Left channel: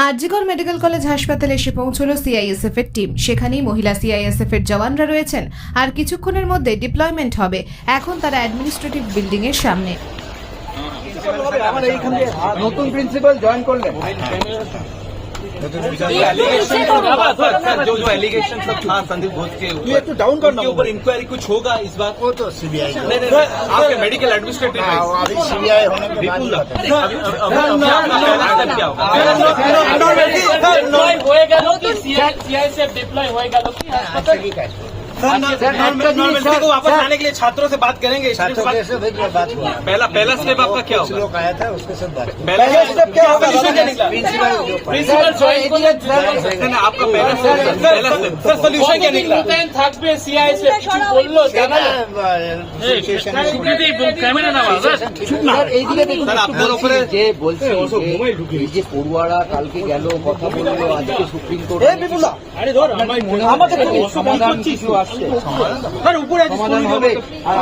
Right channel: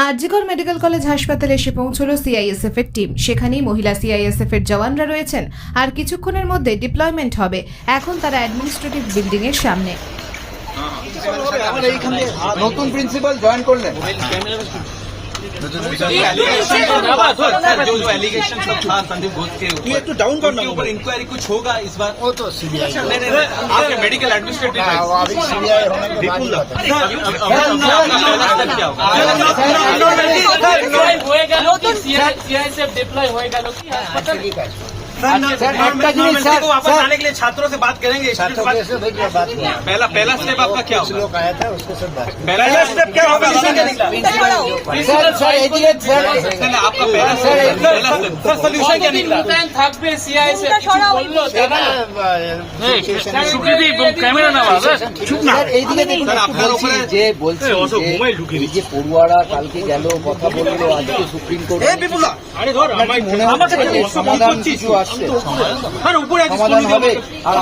RG Kar medical college হাসপাতালে এসে পৌঁছল সিআইএসএফ এর টিম। সেখানেই মহিলা সিআইএসএফ এর জওয়ানরা রয়েছেন। আর কিছুক্ষণের মধ্যে ডিপ্লয়মেন্ট হবে। এখন তারা অ্যাডমিনিস্ট্রেটিভ বিল্ডিং এর সামনে। নতুন প্রিন্সিপাল জয়েন করলেন। ये तो डाउन करना होगा। इंक्वायरी कुछ होगा इस बार? वो तो सीबीआई आप मेडिकल एडमिनिस्ट्रेटिव अभी सीबीआई होने के बाद ही वापस आने के लिए छात्रों से बात करेंगे। छात्रों के से बात हुआ। पहला स्टेप आपका क्या कुछ लोग आया था उसके साथ बात की। पहला स्टेप क्या होगा? सर सोल्यूशन क्या निकला? যে পড়ুয়ারা কালকে গেল কথা বললো, আজকে সুপ্রিম কোর্ট আমার সমাধান কিছু আসছে, উপরে সমাধান হবে। আর